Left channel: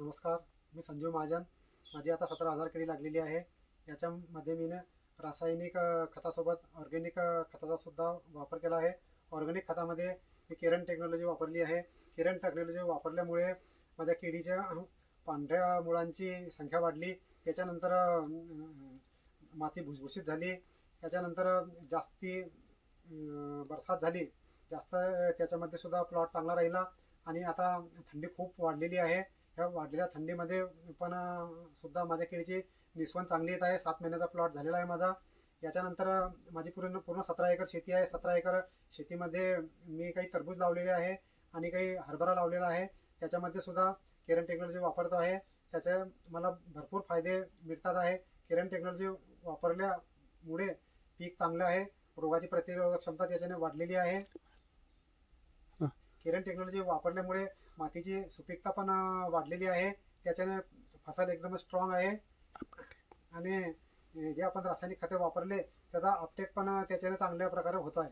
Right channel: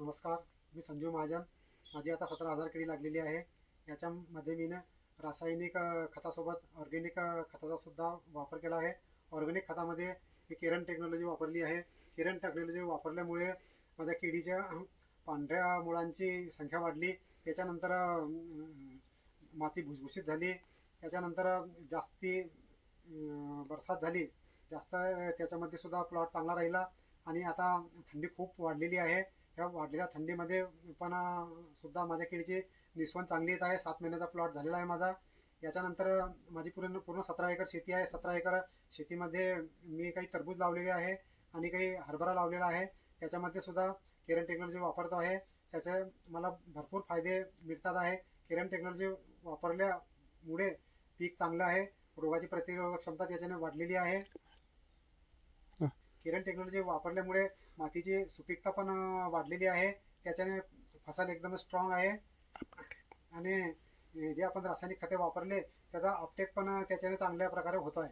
नमस्कार मी संजीव महाजन. माझी आता सतरा हजार केळी लागलेली आहे. याच्यामध्ये मी रासायनिक खतासोबत ऑर्गॅनिक खताचासुद्धा खताचा सुद्धा वापर केला आहे. ऑर्गॅनिक खतामध्ये मी केरन टेक्नॉलॉजी वापरली आहे. केरन टेक्नॉलॉजी वापरल्यामुळे माझ्या केळीच्या पांढऱ्या मुळांची संख्या वाढली. त्याच्यानंतर माती भुसभुशीत झाली. त्याच्यानंतर जास्ती बरसात झाली. जास्त त्याच्यामध्ये सुद्धा प्लॉट चांगला राहिला आणि आता थंडी खूप वाढलेली आहे. ह्या वाढलेल्या थंडीमध्ये पण सुद्धा माझ्या केळीची निस्वन चांगली येत आहे. सात महिन्याचा प्लॉट झालेला आहे माझा. याच्यानंतर माझी पूर्ण पूर्ण सतरा एकर शेती आहे. सतरा एकर शेतीमध्ये मी काही टरबूज लावलेले आहे आणि काही हरभरा लावलेला आहे. त्याच्यामध्ये सुद्धा केरन टेक्नॉलॉजी वापरतो आहे. त्याचे मला भरपूर फायदे मिळतात आहे. केरन टेक्नॉलॉजी वापरल्यामुळे पीक चांगलं आहे. रोगाची प्रतिरोधक क्षमता त्याच्याने वाढलेली आहे. किरण टेक्नॉलॉजी वापरल्यामुळे मातीची सुपीकता पण वाढलेली आहे. त्याच्याने फसल एकदम स्ट्रॉंग आहे. आणि जे आपण रासायनिक खते वापरले त्याचा अपटेक पण त्याच्याने चांगल्या प्रकारे होतो आहे